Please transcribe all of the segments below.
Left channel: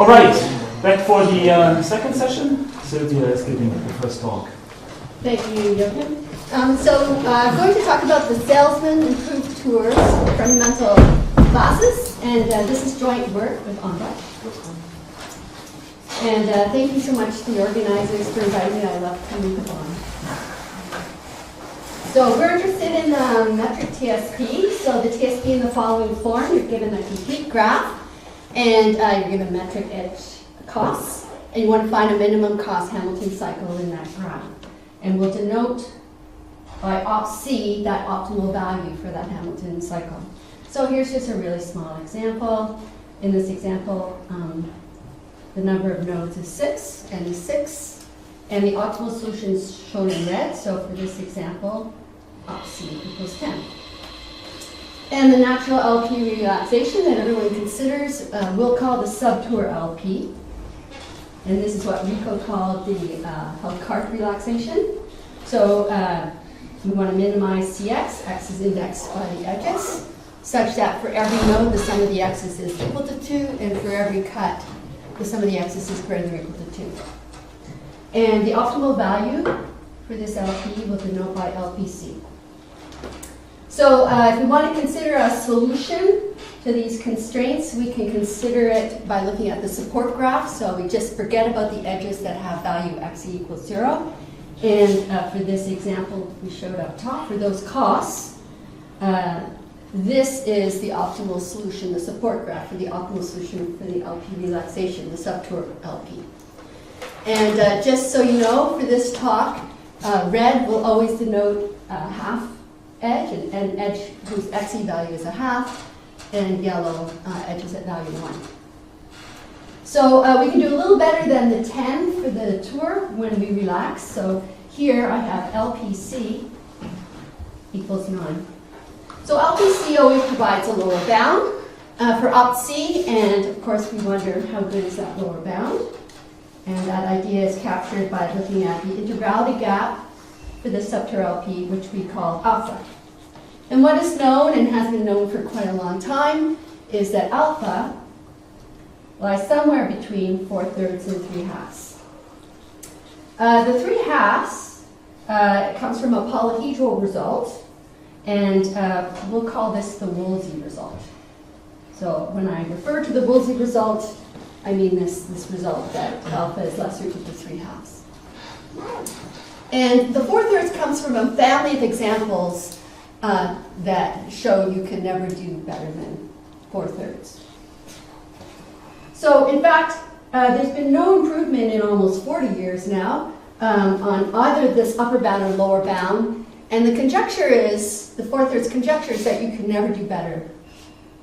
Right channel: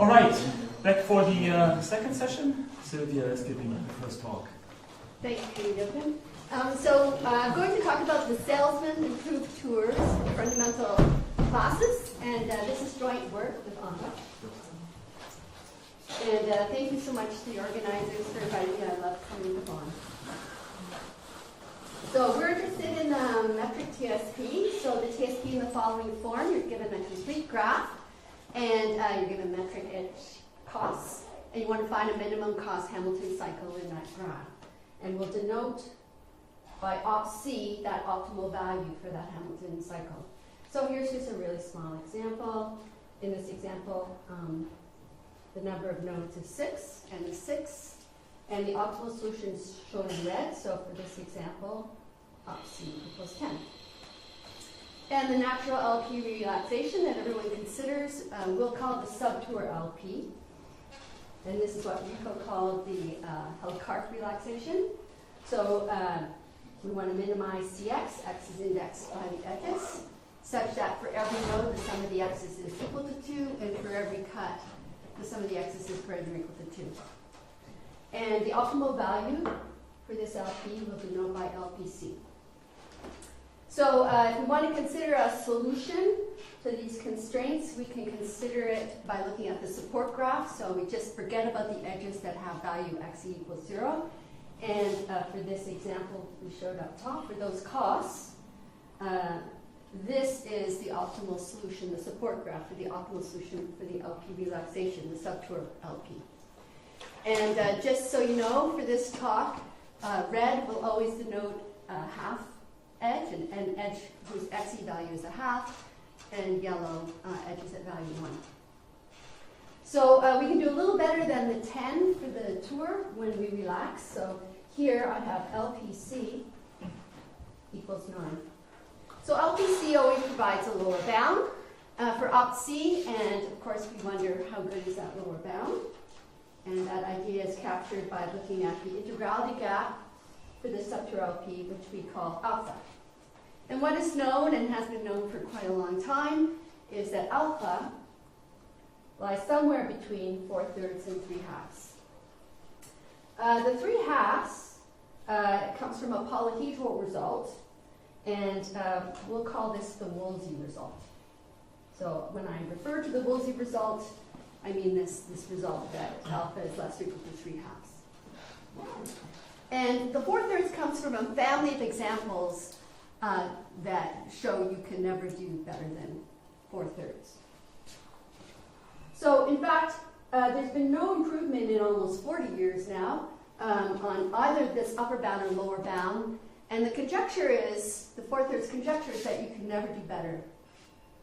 All right, back for the second session. Sylvia is giving the first talk. Thank you, Jochen. I'm going to talk about the Salesman Improved Tours fundamental classes, and this is joint work with Untitled. And thank you so much to the organizers for inviting me. I love coming to Bonn. So we're interested in metric TSP. So the TSP in the following form: you're given a complete graph, and you're given metric edge costs, and you want to find a minimum cost Hamilton cycle in that graph. And we'll denote by OpC that optimal value for that Hamilton cycle. So here's just a really small example. In this example, the number of nodes is 6, n is 6, and the optimal solution is shown in red. So for this example, OpC equals 10. And the natural LP relaxation that everyone considers, we'll call the subtour LP. And this is what Rico called the health cart relaxation. So we want to minimize CX. X is indexed by the edges, such that for every node, the sum of the x's is equal to 2, and for every cut, the sum of the x's is greater than or equal to 2. And the optimal value for this LP will denote by LPC. So if we want to consider a solution to these constraints, we can consider it by looking at the support graph. So we just forget about the edges that have value x equals 0. And for this example we showed up top, for those costs, this is the optimal solution, the support graph for the optimal solution for the LP relaxation, the subtour LP. And just so you know, for this talk, red will always denote half edge, and edge whose XE value is a half, and yellow edges at value 1. So we can do a little better than the 10 for the tour when we relax. So here I have LPC equals 9. So LPC always provides a lower bound for OpC, and of course we wonder how good is that lower bound. And that idea is captured by looking at the integrality gap for the subtour LP, which we call alpha. And what is known, and has been known for quite a long time, is that alpha lies somewhere between 4/3 and 3/2. The 3/2 comes from a polyhedral result, and we'll call this the Woolsey result. So when I refer to the Woolsey result, I mean this result that alpha is less or equal to 3/2. And the 4/3 comes from a family of examples that show you can never do better than 4/3. So in fact, there's been no improvement in almost 40 years now on either this upper bound or lower bound. And the conjecture is, the 4/3 conjecture is that you can never do better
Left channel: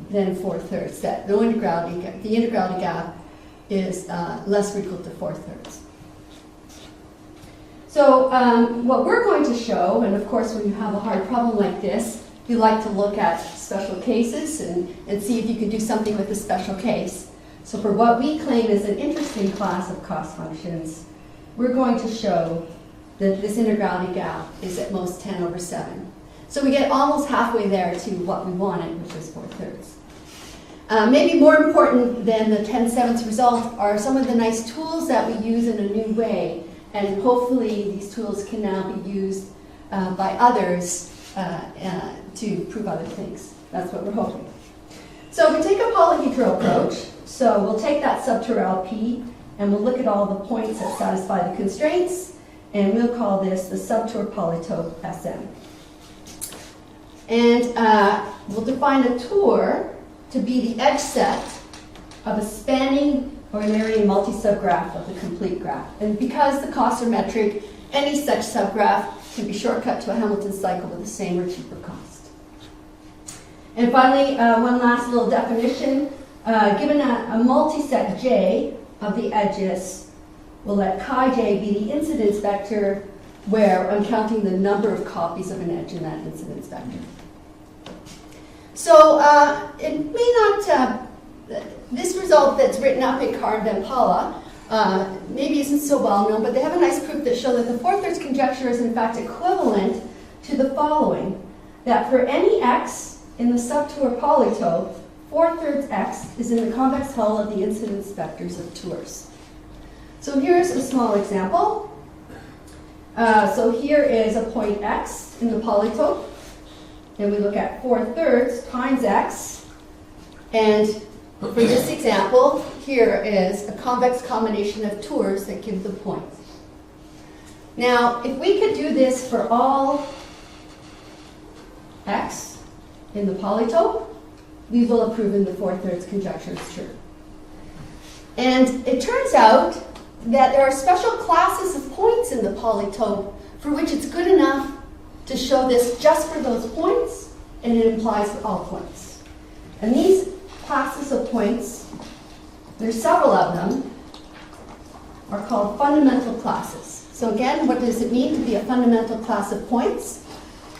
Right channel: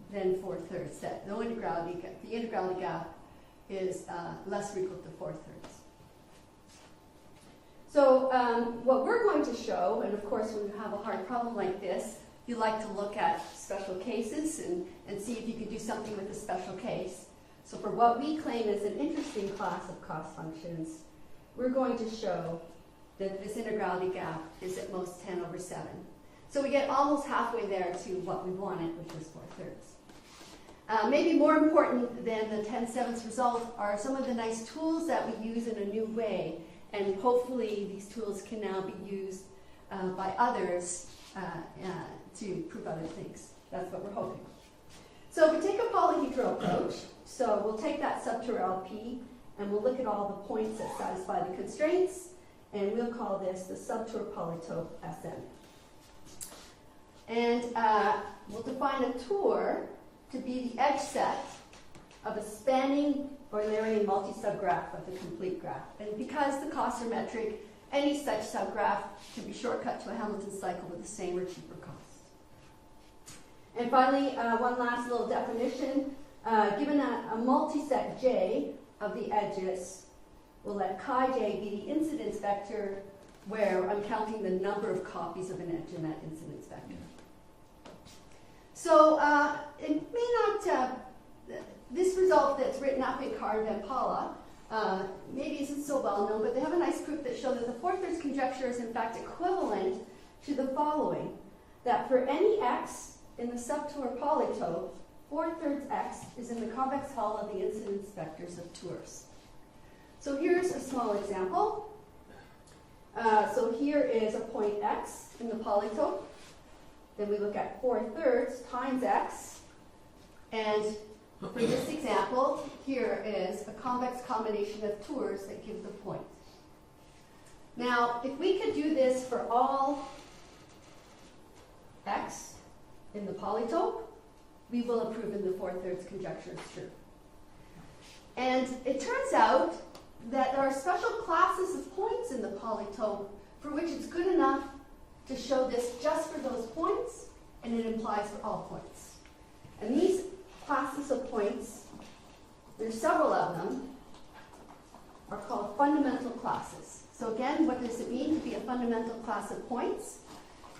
than 4/3, that the integrality gap is less or equal to 4/3. So what we're going to show, and of course when you have a hard problem like this, you like to look at special cases and see if you can do something with a special case. So for what we claim is an interesting class of cost functions, we're going to show that this integrality gap is at most 10/7. So we get almost halfway there to what we wanted, which is 4/3. Maybe more important than the 10/7 result are some of the nice tools that we use in a new way. And hopefully these tools can now be used by others to prove other things. That's what we're hoping. So we take a polyhedral approach. So we'll take that subtour LP and we'll look at all the points that satisfy the constraints, and we'll call this the subtour polytope SM. And we'll define a tour to be the edge set of a spanning ordinary multi-subgraph of the complete graph. And because the costs are metric, any such subgraph can be shortcut to a Hamilton cycle with the same or cheaper cost. And finally, one last little definition. Given a multiset J of the edges, we'll let chi j be the incidence vector where I'm counting the number of copies of an edge in that incidence vector. So it may not, this result that's written up in Carved and Paula maybe isn't so well known, but they have a nice proof that show that the 4/3 conjecture is in fact equivalent to the following: that for any x in the subtour polytope, 4/3 x is in the convex hull of the incidence vectors of tours. So here's a small example. So here is a point x in the polytope. Then we look at 4/3 times x. And for this example, here is a convex combination of tours that give the points. Now, if we could do this for all x in the polytope, we will have proven the 4/3 conjecture is true. And it turns out that there are special classes of points in the polytope for which it's good enough to show this just for those points, and it implies for all points. And these classes of points, there's several of them, are called fundamental classes. So again, what does it mean to be a fundamental class of points?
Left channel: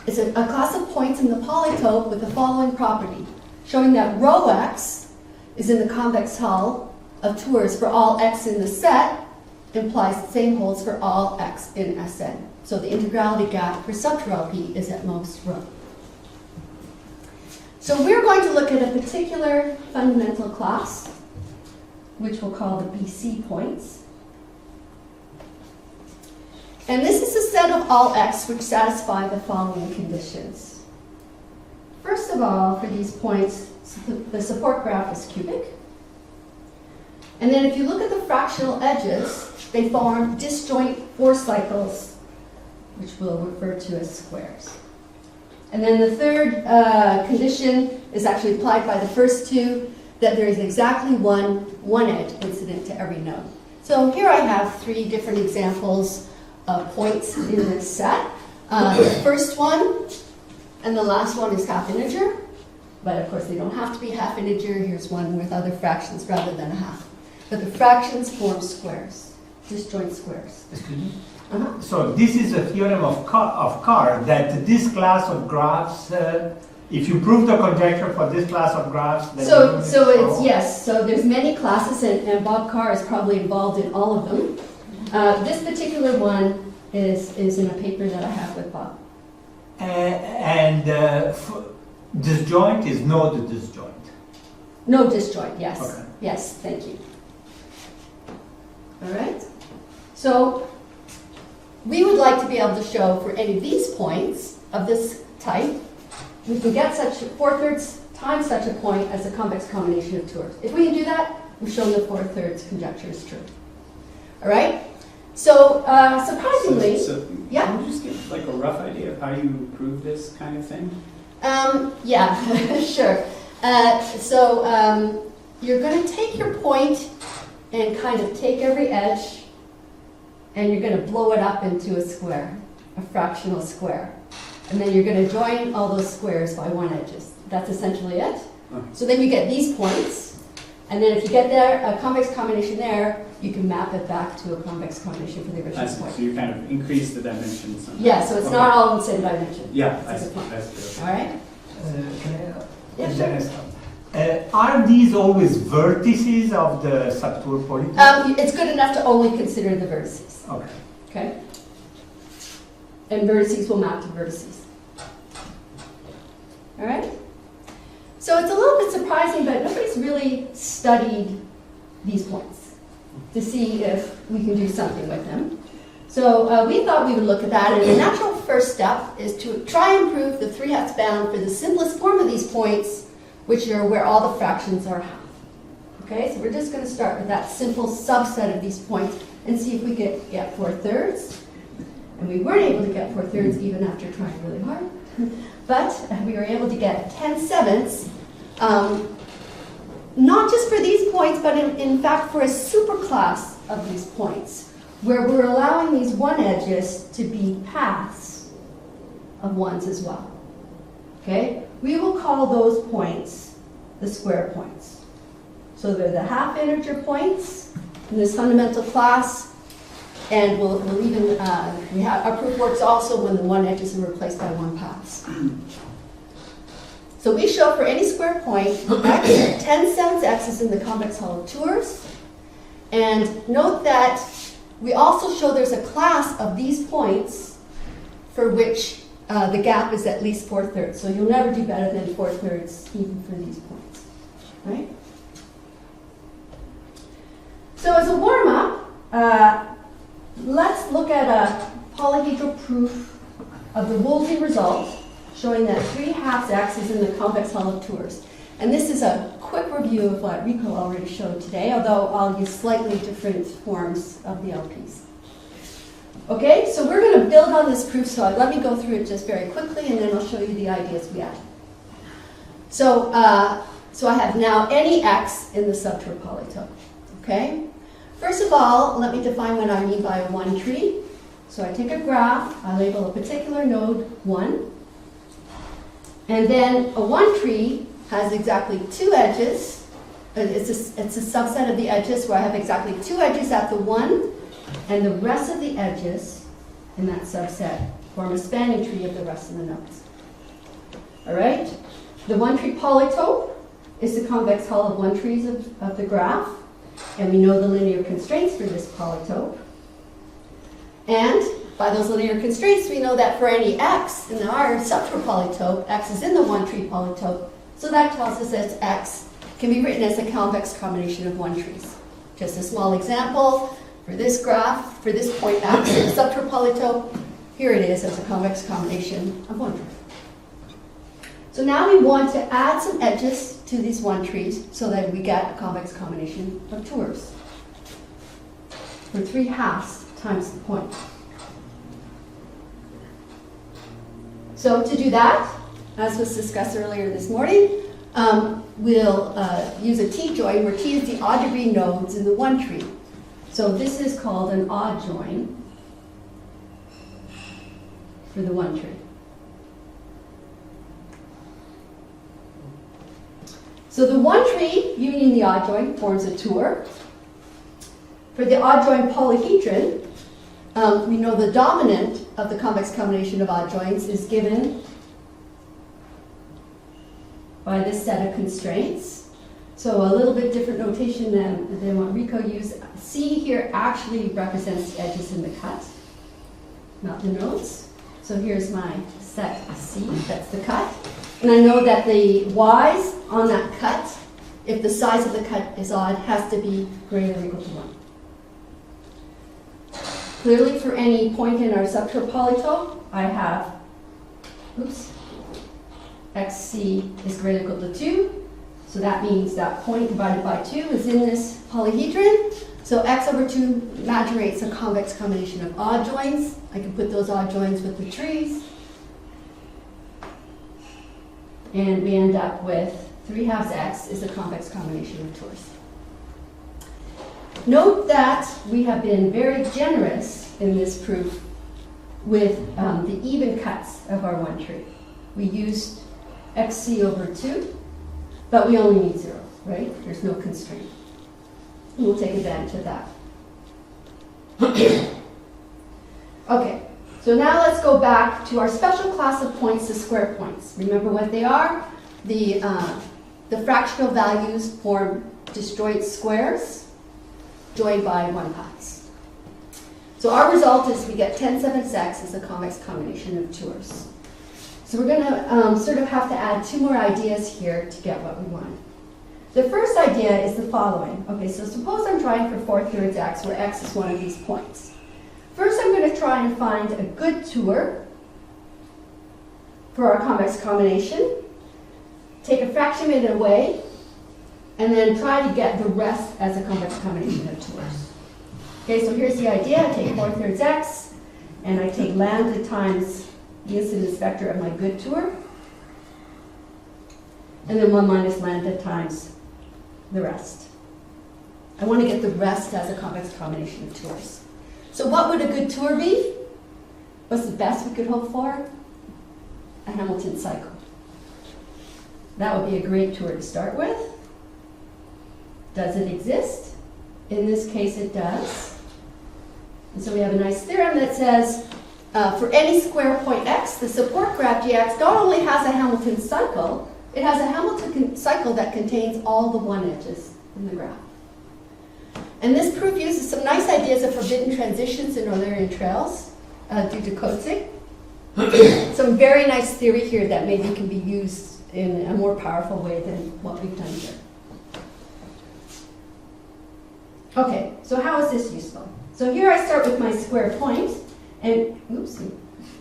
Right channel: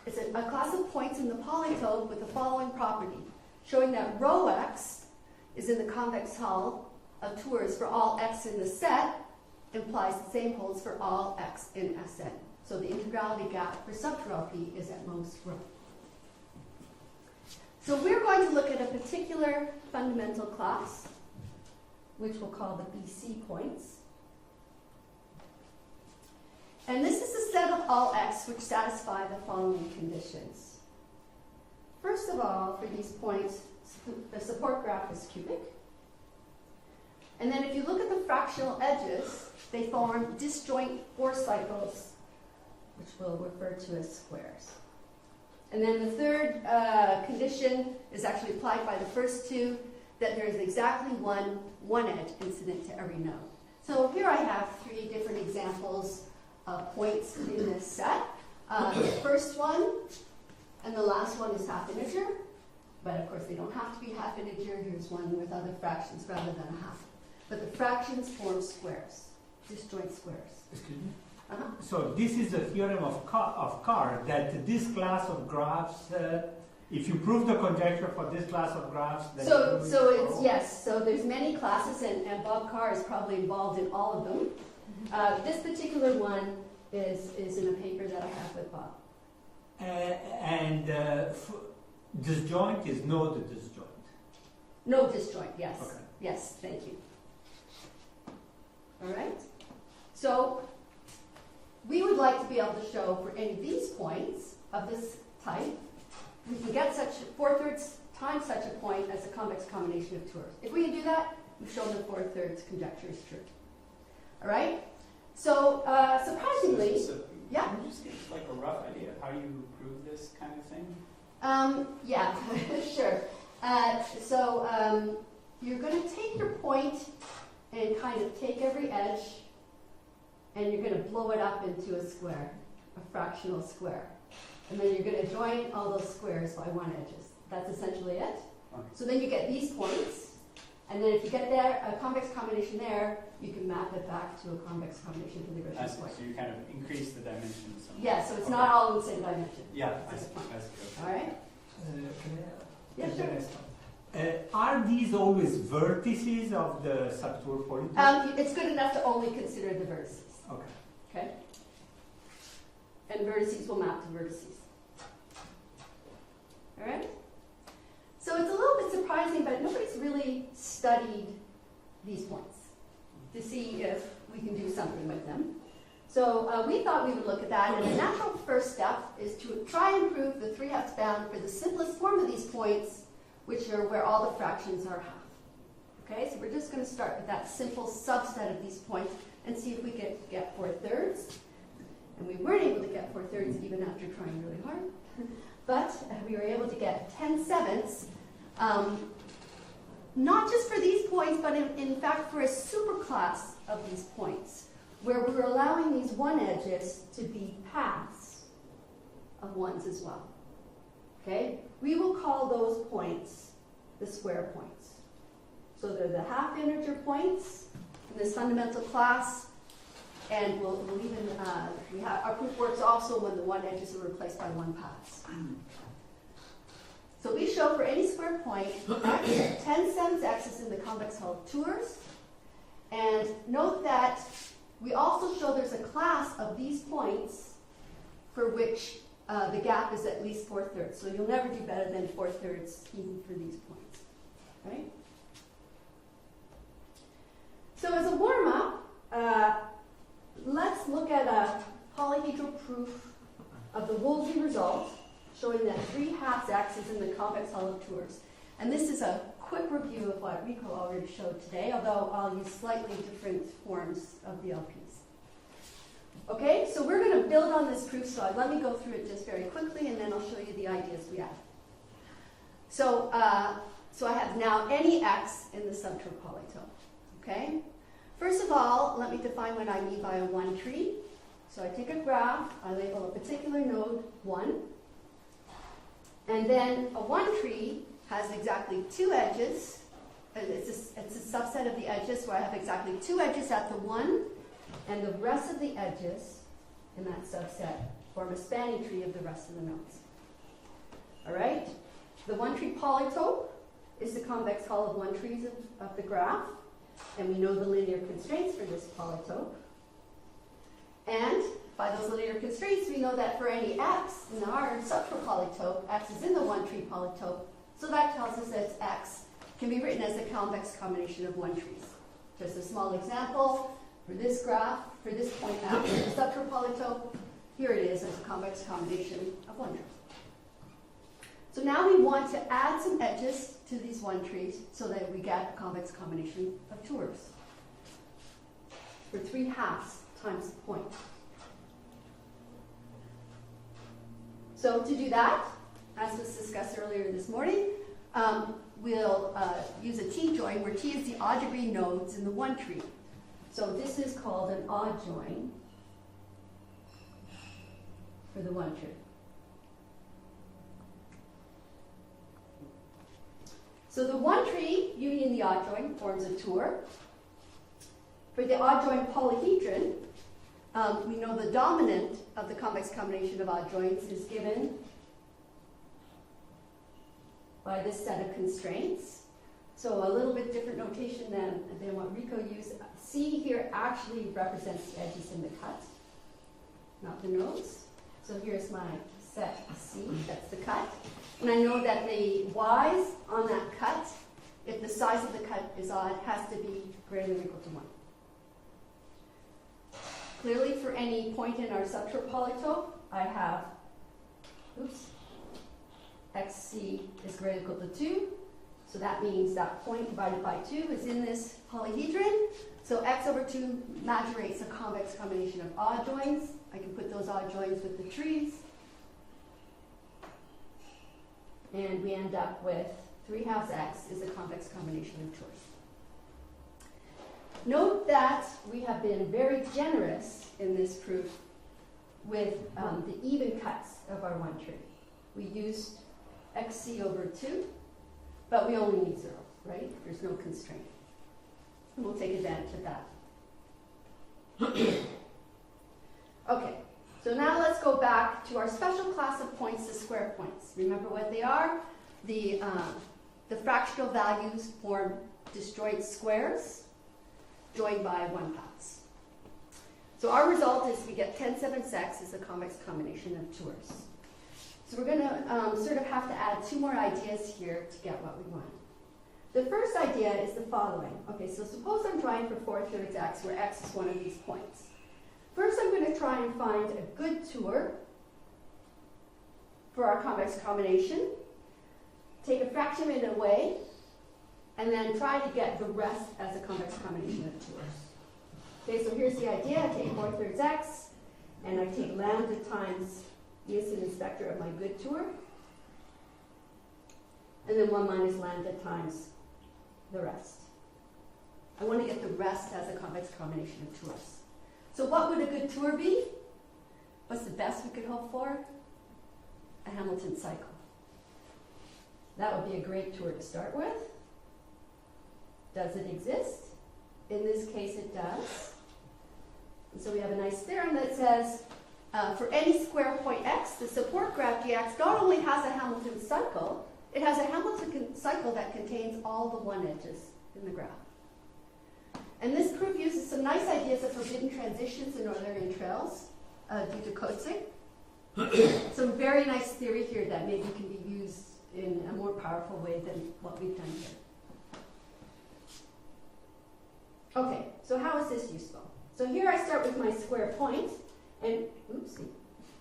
It's a class of points in the polytope with the following property, showing that rho x is in the convex hull of tours for all x in the set, implies the same holds for all x in Sn. So the integrality gap for subtour P is at most rho. So we're going to look at a particular fundamental class, which we'll call the BC points. And this is a set of all x which satisfy the following conditions. First of all, for these points, the support graph is cubic. And then if you look at the fractional edges, they form disjoint 4 cycles, which we'll refer to as squares. And then the third condition is actually applied by the first two, that there is exactly one edge incident to every node. So here I have 3 different examples of points in this set. The first one and the last one is half integer, but of course they don't have to be half integer. Here's one with other fractions rather than a half. But the fractions form squares, disjoint squares. Excuse me? So this is a theorem of Carr that this class of graphs, if you prove the conjecture for this class of graphs, then yes. So there's many classes, and Bob Carr is probably involved in all of them. This particular one is in a paper that I have with Bob. Disjoint is node disjoint. No disjoint, yes. Okay. Yes, thank you. All right. So we would like to be able to show for any of these points of this type, we can get such 4/3 times such a point as a convex combination of tours. If we can do that, we've shown the 4/3 conjecture is true. All right. So surprisingly, yeah. Can you just give like a rough idea of how you prove this kind of thing? Yeah, sure. You're going to take your point and kind of take every edge, and you're going to blow it up into a square, a fractional square. And then you're going to join all those squares by one edges. That's essentially it. Okay. So then you get these points, and then if you get there, a convex combination there, you can map it back to a convex combination for the I original see. point. So you kind of increase the dimensions. Somehow. Yeah, so it's not all in the same dimension. Yeah, I That's see. the point. I see. All right? Can I, Yeah, sure. Dennis, are these always vertices of the subtour polytope? It's good enough to only consider the vertices. Okay. Okay? And vertices will map to vertices. All right? So it's a little bit surprising, but nobody's really studied these points to see if we can do something with them. So we thought we would look at that, and the natural first step is to try and prove the 3/2 bound for the simplest form of these points, which are where all the fractions are half. Okay, so we're just going to start with that simple subset of these points and see if we can get 4/3. And we weren't able to get 4/3 even after trying really hard. But we were able to get 10/7, not just for these points, but in fact for a superclass of these points, where we're allowing these one edges to be paths of ones as well. Okay? We will call those points the square points. So they're the half integer points in this fundamental class, and we'll even, our proof works also when the one edges are replaced by one paths. So we show for any square point, x, 10/7 x is in the convex hull of tours. And note that we also show there's a class of these points for which the gap is at least 4/3. So you'll never do better than 4/3 even for these points. right? So as a warm-up, let's look at a polyhedral proof of the Woolsey result, showing that 3/2x is in the convex hull of tours. And this is a quick review of what Rico already showed today, although I'll use slightly different forms of the LPs. Okay, so we're going to build on this proof, so let me go through it just very quickly, and then I'll show you the ideas we had. So, so I have now any x in the subtour polytope. Okay? First of all, let me define what I mean by a one tree. So I take a graph, I label a particular node 1, and then a one tree has exactly two edges. It's a subset of the edges where I have exactly two edges at the 1, and the rest of the edges in that subset form a spanning tree of the rest of the nodes. All right? The one tree polytope is the convex hull of one trees of the graph, and we know the linear constraints for this polytope. And by those linear constraints, we know that for any x in our subtour polytope, x is in the one tree polytope, so that tells us that x can be written as a convex combination of one trees. Just a small example, for this graph, for this point x in the subtour polytope, here it is as a convex combination of one tree. So now we want to add some edges to these one trees so that we get a convex combination of tours for 3/2 times the point. So to do that, as was discussed earlier this morning, we'll use a T-join where T is the odd degree nodes in the one tree. So this is called an odd join for the one tree. So the one tree union the odd join forms a tour. For the odd join polyhedron, we know the dominant of the convex combination of odd joins is given by this set of constraints. So a little bit different notation than what Rico used. C here actually represents the edges in the cut, not the nodes. So here's my set C, that's the cut. And I know that the y's on that cut, if the size of the cut is odd, has to be greater than or equal to 1. Clearly, for any point in our subtour polytope, I have, xc is greater than or equal to 2. So that means that point divided by 2 is in this polyhedron. So x over 2 imaginates a convex combination of odd joins. I can put those odd joins with the trees. And we end up with 3/2 x is a convex combination of tours. Note that we have been very generous in this proof with the even cuts of our one tree. We used xc over 2, but we only need 0, right? There's no constraint. We'll take advantage of that. Okay, so now let's go back to our special class of points, the square points. Remember what they are? The fractional values form disjoint squares joined by one paths. So our result is we get 10/7x as a convex combination of tours. So we're going to sort of have to add 2 more ideas here to get what we want. The first idea is the following. Okay, so suppose I'm trying for 4/3 x, where x is one of these points. First, I'm going to try and find a good tour for our convex combination, take a fraction of it away, and then try to get the rest as a convex combination of tours. Okay, so here's the idea. I take 4/3 x, and I take lambda times the incidence vector of my good tour, and then 1 minus lambda times the rest. I want to get the rest as a convex combination of tours. So what would a good tour be? What's the best we could hope for? A Hamilton cycle. That would be a great tour to start with. Does it exist? In this case, it does. And so we have a nice theorem that says, for any square point x, the support graph gx not only has a Hamilton cycle, it has a Hamilton cycle that contains all the one edges in the graph. And this proof uses some nice ideas of forbidden transitions in Eulerian trails due to Coatzing. Some very nice theory here that maybe can be used in a more powerful way than what we've done here. Okay, so how is this useful? So here I start with my square point, and oopsie.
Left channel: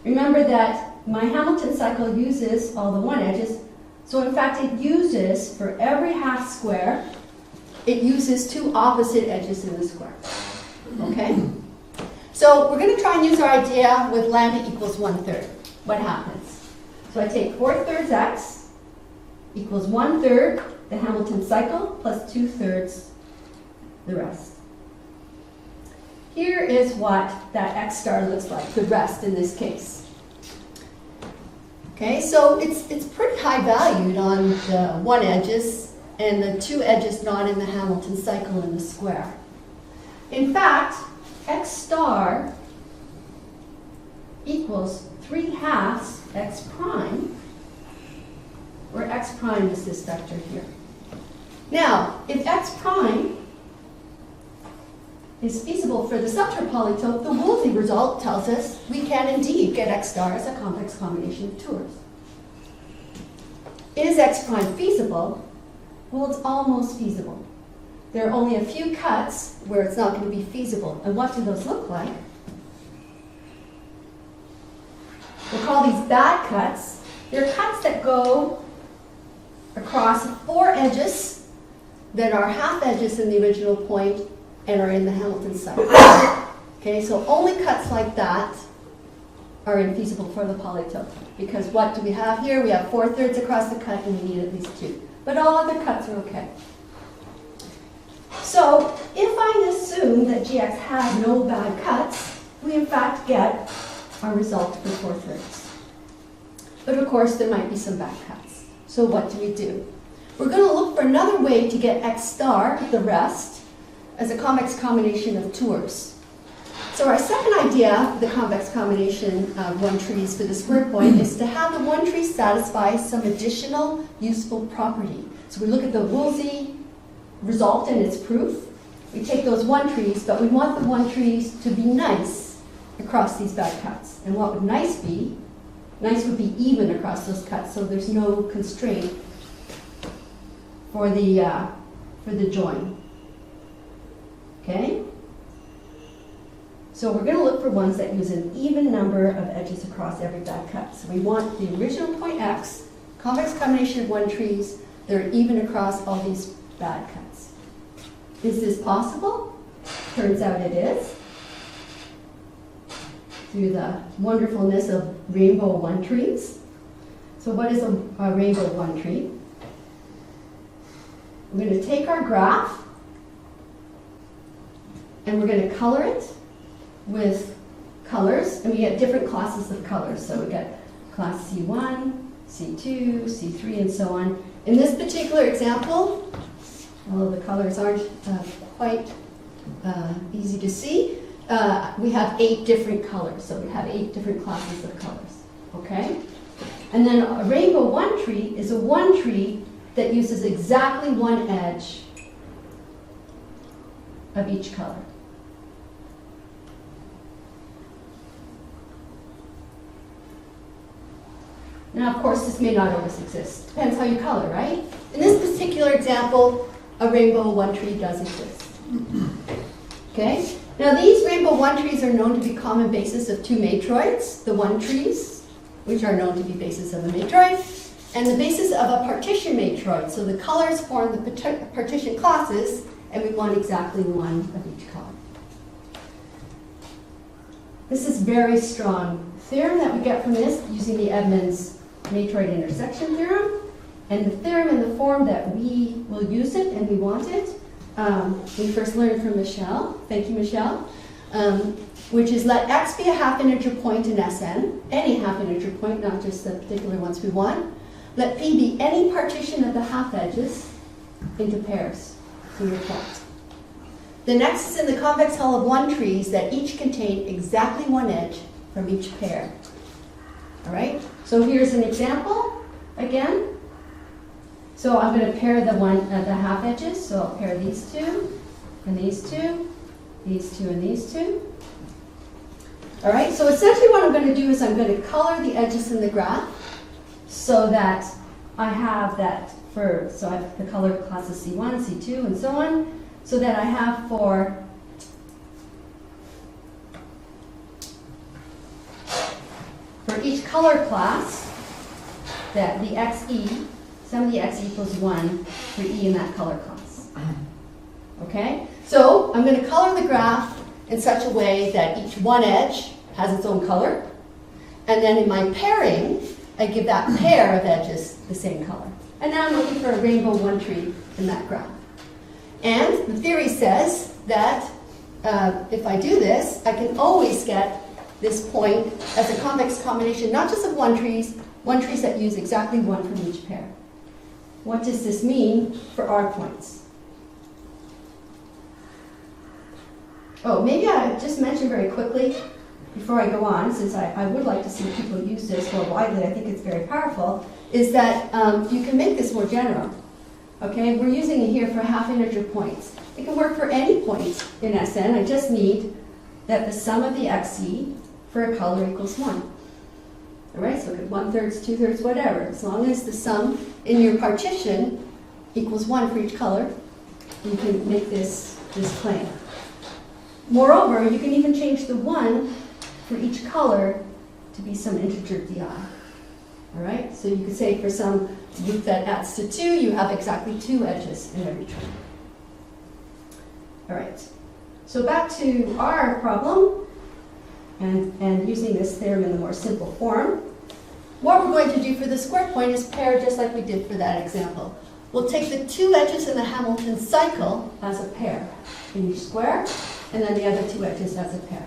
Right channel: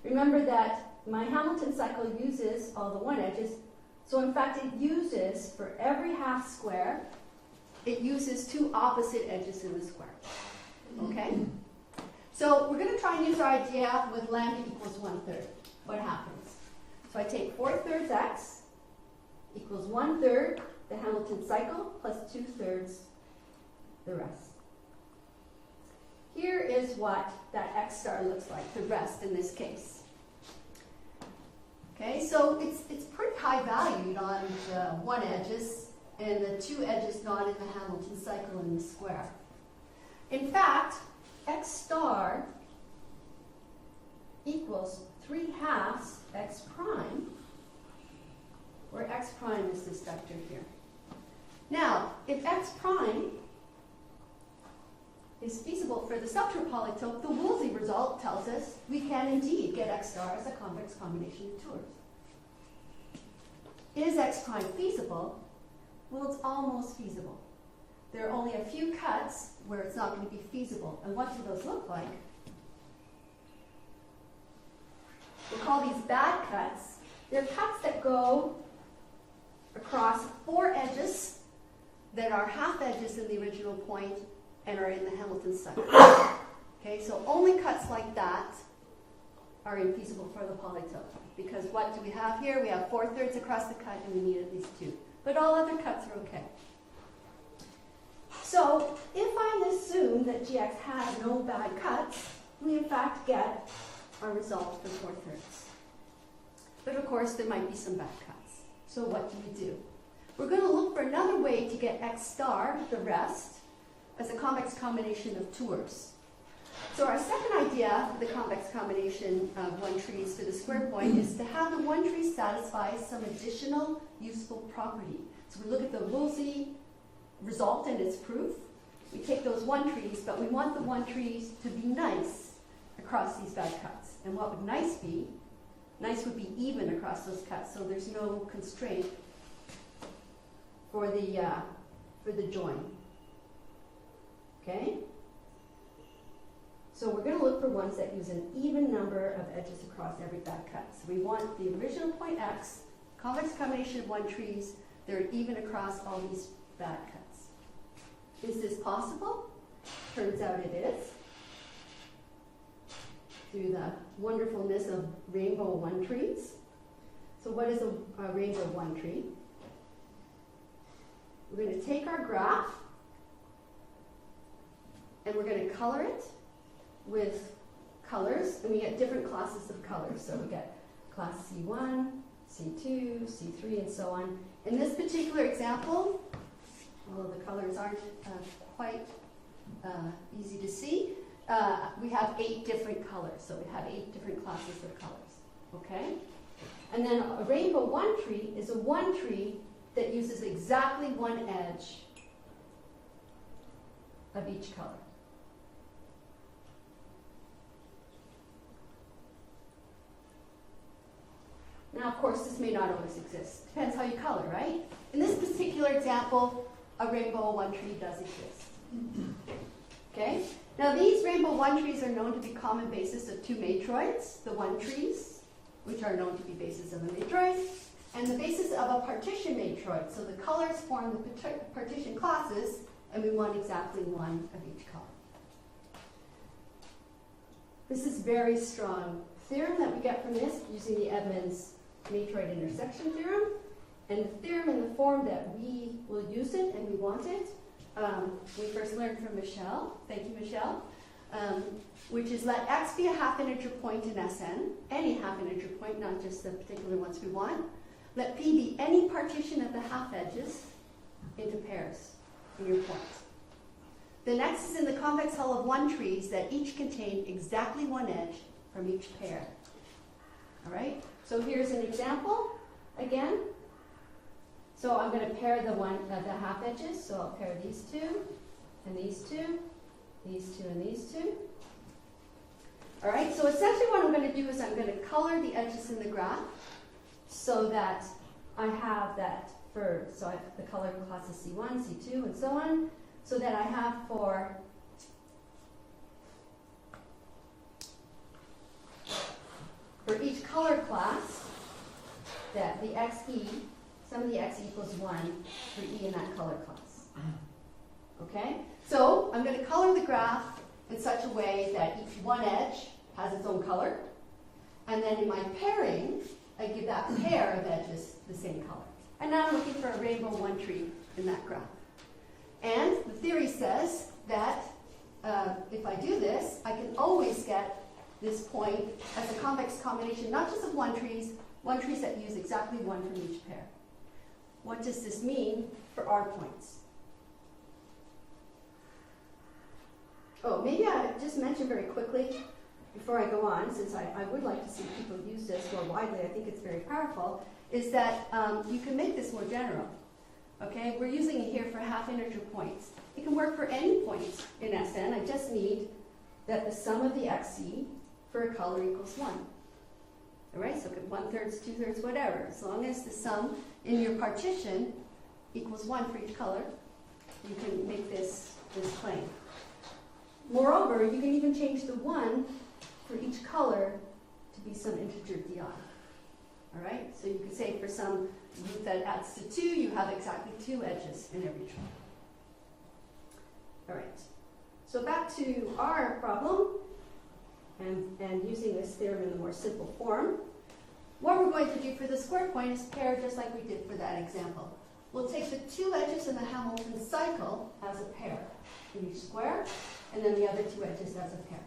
Remember that my Hamilton cycle uses all the one edges, so in fact it uses, for every half square, it uses two opposite edges in the square. Okay? So we're going to try and use our idea with lambda equals 1/3. What happens? So I take 4/3 x equals 1/3 the Hamilton cycle plus 2/3 the rest. Here is what that x star looks like, the rest in this case. Okay, so it's pretty high valued on the one edges and the two edges not in the Hamilton cycle in the square. In fact, x star equals 3/2 x prime, where x prime is this vector here. Now, if x prime is feasible for the subterm polytope, the Woolsey result tells us we can indeed get x star as a complex combination of tours. Is x prime feasible? Well, it's almost feasible. There are only a few cuts where it's not going to be feasible. And what do those look like? We'll call these bad cuts. They're cuts that go across 4 edges that are half edges in the original point and are in the Hamilton cycle. Okay, so only cuts like that are infeasible for the polytope. Because what do we have here? We have 4/3 across the cut and we need at least 2. But all other cuts are okay. So if I assume that GX has no bad cuts, we in fact get our result for 4/3. But of course there might be some bad cuts. So what do we do? We're going to look for another way to get x star, the rest, as a convex combination of tours. So our second idea, the convex combination of one trees for the square point, is to have the one tree satisfy some additional useful property. So we look at the Woolsey result and its proof. We take those one trees, but we want the one trees to be nice across these bad cuts. And what would nice be? Nice would be even across those cuts, so there's no constraint for the join. Okay? So we're going to look for ones that use an even number of edges across every bad cut. So we want the original point x, convex combination of one trees, that are even across all these bad cuts. Is this possible? Turns out it is. Through the wonderfulness of rainbow one trees. So what is a rainbow one tree? We're going to take our graph and we're going to color it with colors, and we get different classes of colors. So we get class C1, C2, C3, and so on. In this particular example, although the colors aren't quite easy to see, we have 8 different colors. So we have 8 different classes of colors. Okay? And then a rainbow one tree is a one tree that uses exactly one edge of each color. Now, of course, this may not always exist. Depends how you color, right? In this particular example, a rainbow one tree does exist. Okay? Now, these rainbow one trees are known to be common basis of 2 matroids, the one trees, which are known to be basis of a matroid, and the basis of a partition matroid. So the colors form the partition classes, and we want exactly one of each color. This is very strong theorem that we get from this using the Edmonds matroid intersection theorem. And the theorem in the form that we will use it and we want it, we first learned from Michelle. Thank you, Michelle. Which is let x be a half integer point in Sn, any half integer point, not just the particular ones we want. Let P be any partition of the half edges into pairs for your plot. The next is in the convex hull of one trees that each contain exactly one edge from each pair. All right, so here's an example again. So I'm going to pair the half edges. So I'll pair these 2 and these 2, these 2 and these 2. All right, so essentially what I'm going to do is I'm going to color the edges in the graph so that I have that so I have the color classes C1, C2, and so on. so that I have for each color class that the XE, sum of the X equals 1 for E in that color class. Okay? So I'm going to color the graph in such a way that each one edge has its own color. And then in my pairing, I give that pair of edges the same color. And now I'm looking for a rainbow one tree in that graph. And the theory says that if I do this, I can always get this point as a convex combination, not just of one trees that use exactly one from each pair. What does this mean for our points? Oh, maybe I just mention very quickly before I go on, since I would like to see people use this more widely, I think it's very powerful, is that you can make this more general. Okay, we're using it here for half integer points. It can work for any point in Sn. I just need that the sum of the XE for a color equals 1. All right, so it could 1/3, 2/3, whatever. As long as the sum in your partition equals 1 for each color, you can make this claim. Moreover, you can even change the 1 for each color to be some integer di. All right, so you could say for some root that adds to 2, you have exactly 2 edges in every tree. All right, so back to our problem, and using this theorem in the more simple form. What we're going to do for the square point is pair just like we did for that example. We'll take the 2 edges in the Hamilton cycle as a pair in each square, and then the other 2 edges as a pair.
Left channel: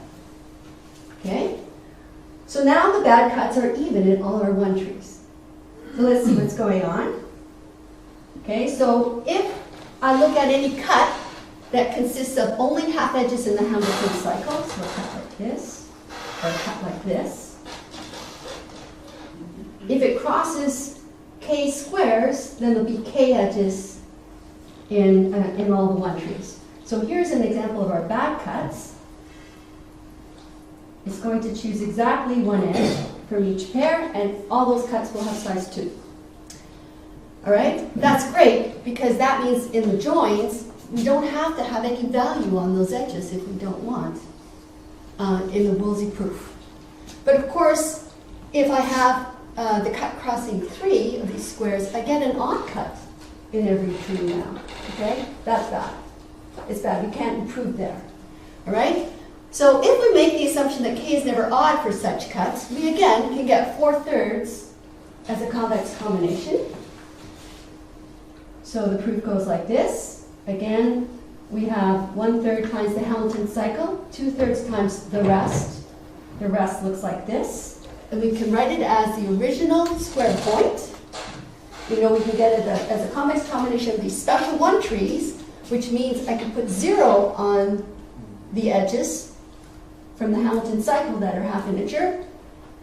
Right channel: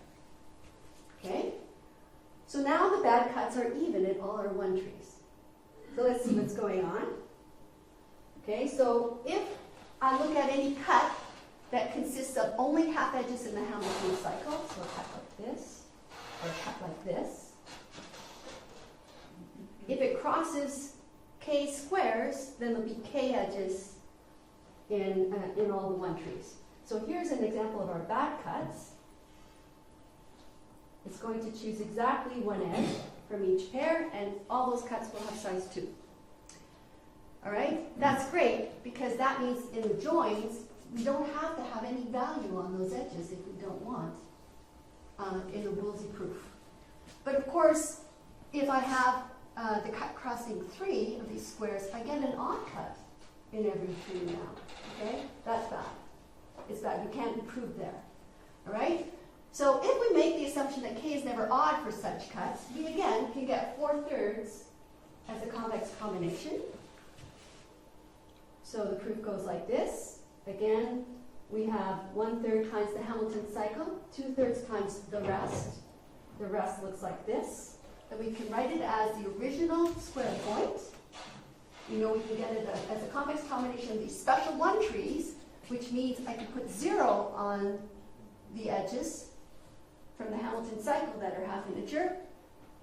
Okay? So now the bad cuts are even in all our one trees. So let's see what's going on. Okay, so if I look at any cut that consists of only half edges in the Hamilton cycle, so a cut like this, or a cut like this, if it crosses k squares, then there'll be k edges in all the one trees. So here's an example of our bad cuts. It's going to choose exactly one edge from each pair, and all those cuts will have size 2. All right? That's great, because that means in the joins, we don't have to have any value on those edges if we don't want in the Woolsey proof. But of course, if I have the cut crossing 3 of these squares, I get an odd cut in every tree now. Okay? That's bad. It's bad. We can't improve there. All right? So if we make the assumption that k is never odd for such cuts, we again can get 4/3 as a convex combination. So the proof goes like this. Again, we have 1/3 times the Hamilton cycle, 2/3 times the rest. The rest looks like this. And we can write it as the original square point. You know, we can get it as a convex combination of these special one trees, which means I can put 0 on the edges from the Hamilton cycle that are half integer,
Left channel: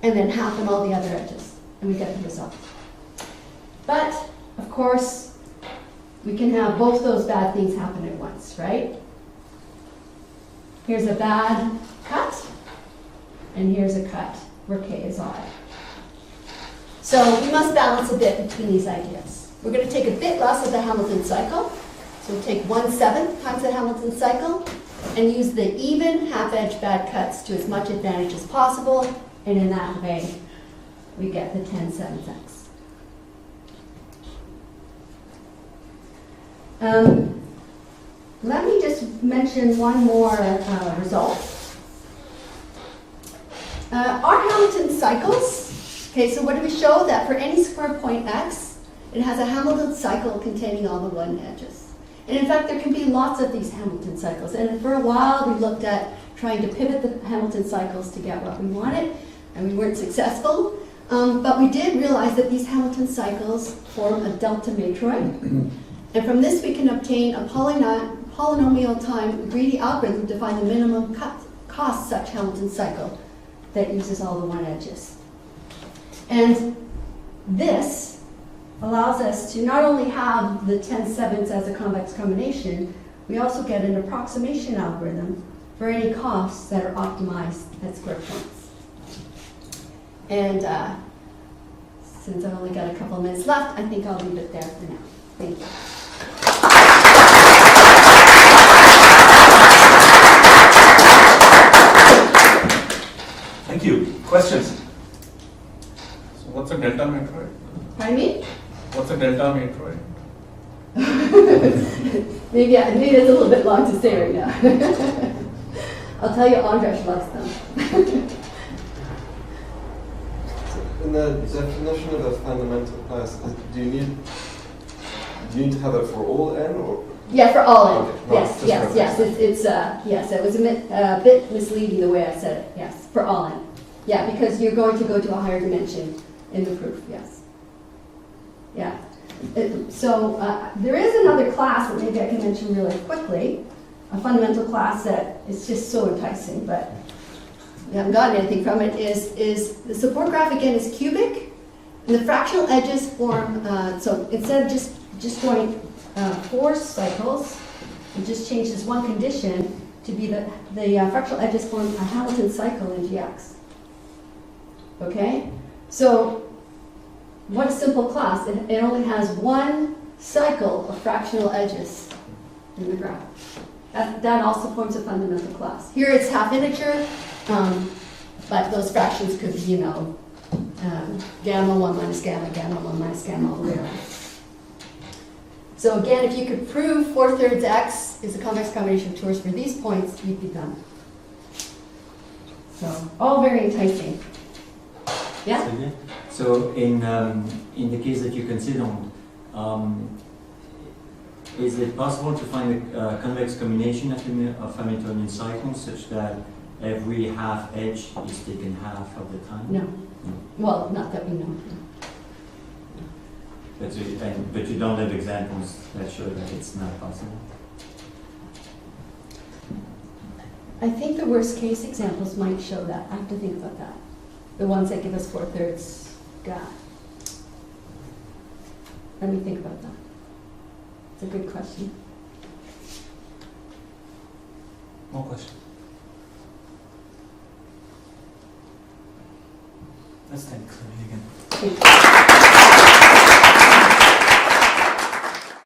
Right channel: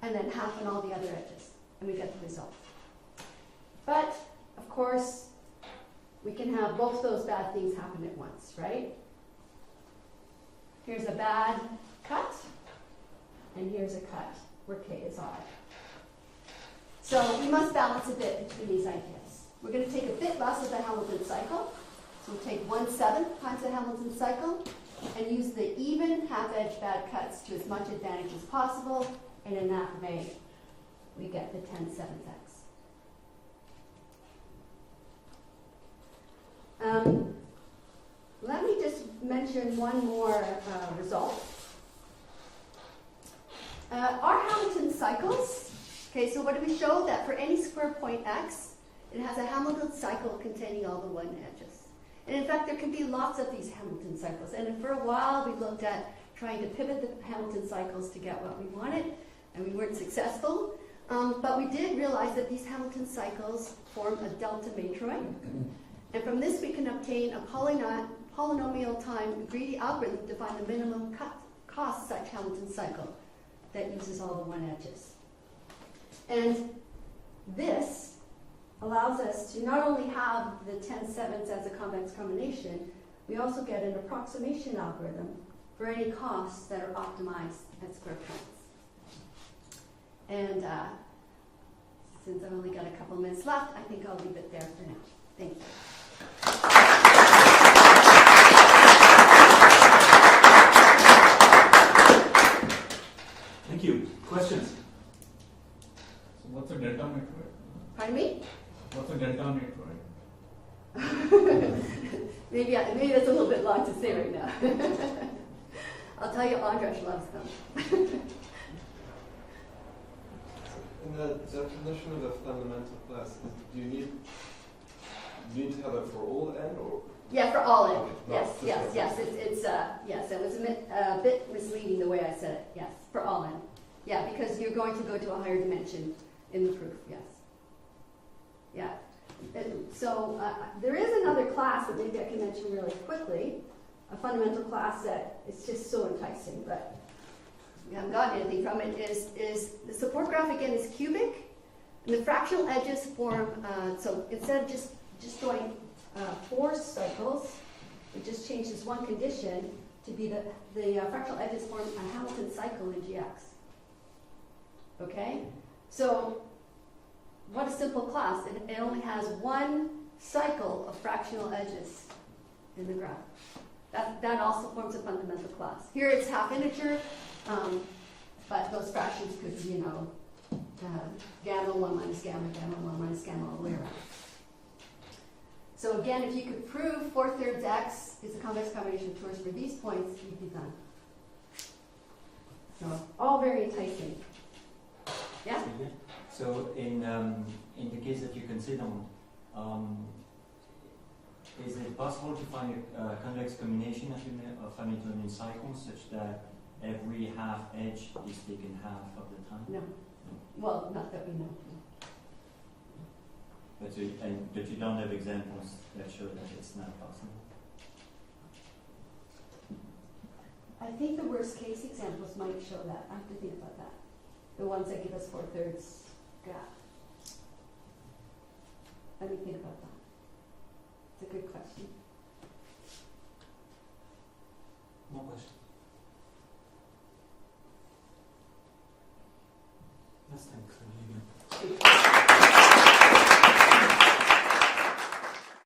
and then half on all the other edges, and we get the result. But, of course, we can have both those bad things happen at once, right? Here's a bad cut, and here's a cut where k is odd. So we must balance a bit between these ideas. We're going to take a bit less of the Hamilton cycle, so we'll take 1/7 times the Hamilton cycle, and use the even half-edge bad cuts to as much advantage as possible, and in that way, we get the 10/7x. Let me just mention one more result. Our Hamilton cycles, okay, so what do we show? That for any square point x, it has a Hamilton cycle containing all the one edges. And in fact, there can be lots of these Hamilton cycles. And for a while, we looked at trying to pivot the Hamilton cycles to get what we wanted, and we weren't successful. But we did realize that these Hamilton cycles form a delta matroid. And from this, we can obtain a polynomial time greedy algorithm to find the minimum cost such Hamilton cycle that uses all the one edges. And this allows us to not only have the 10/7 as a convex combination, we also get an approximation algorithm for any costs that are optimized at square points. And since I've only got a couple minutes left, I think I'll leave it there for now. Thank you. Questions? So what's a delta matroid? Pardon me? What's a delta matroid? Maybe that's a little bit long to say right now. I'll tell you, Andras loves them. In the definition of a fundamental class, do you need to have it for all n or? Yeah, for all in. Okay, Yes, just yes, for- yes. Yes, it was a bit misleading the way I said it. Yes, for all in. Yeah, because you're going to go to a higher dimension in the proof. Yes. Yeah. There is another class that maybe I can mention really quickly. A fundamental class that is just so enticing, but we haven't gotten anything from it. Is the support graph again is cubic, and the fractional edges form. So instead of just going 4 cycles, it just changes one condition to be the fractional edges form a Hamilton cycle in GX. Okay, so what a simple class. It only has one cycle of fractional edges in the graph. That also forms a fundamental class. Here it's half integer, but those fractions could be, gamma 1 minus gamma, gamma 1 minus gamma, all the way around. So again, if you could prove 4/3 x is a convex combination of torus for these points, you'd be done. So, all very enticing. Yeah? So in the case that you considered, is it possible to find a convex combination of Hamiltonian cycles such that every half edge is taken half of the time? No. Well, not that we know. But you don't have examples that show that it's not possible? I think the worst case examples might show that. I have to think about that. The ones that give us 4/3 graph. Let me think about that. It's a good question. More questions? Let's thank Sylvia again. Thank you.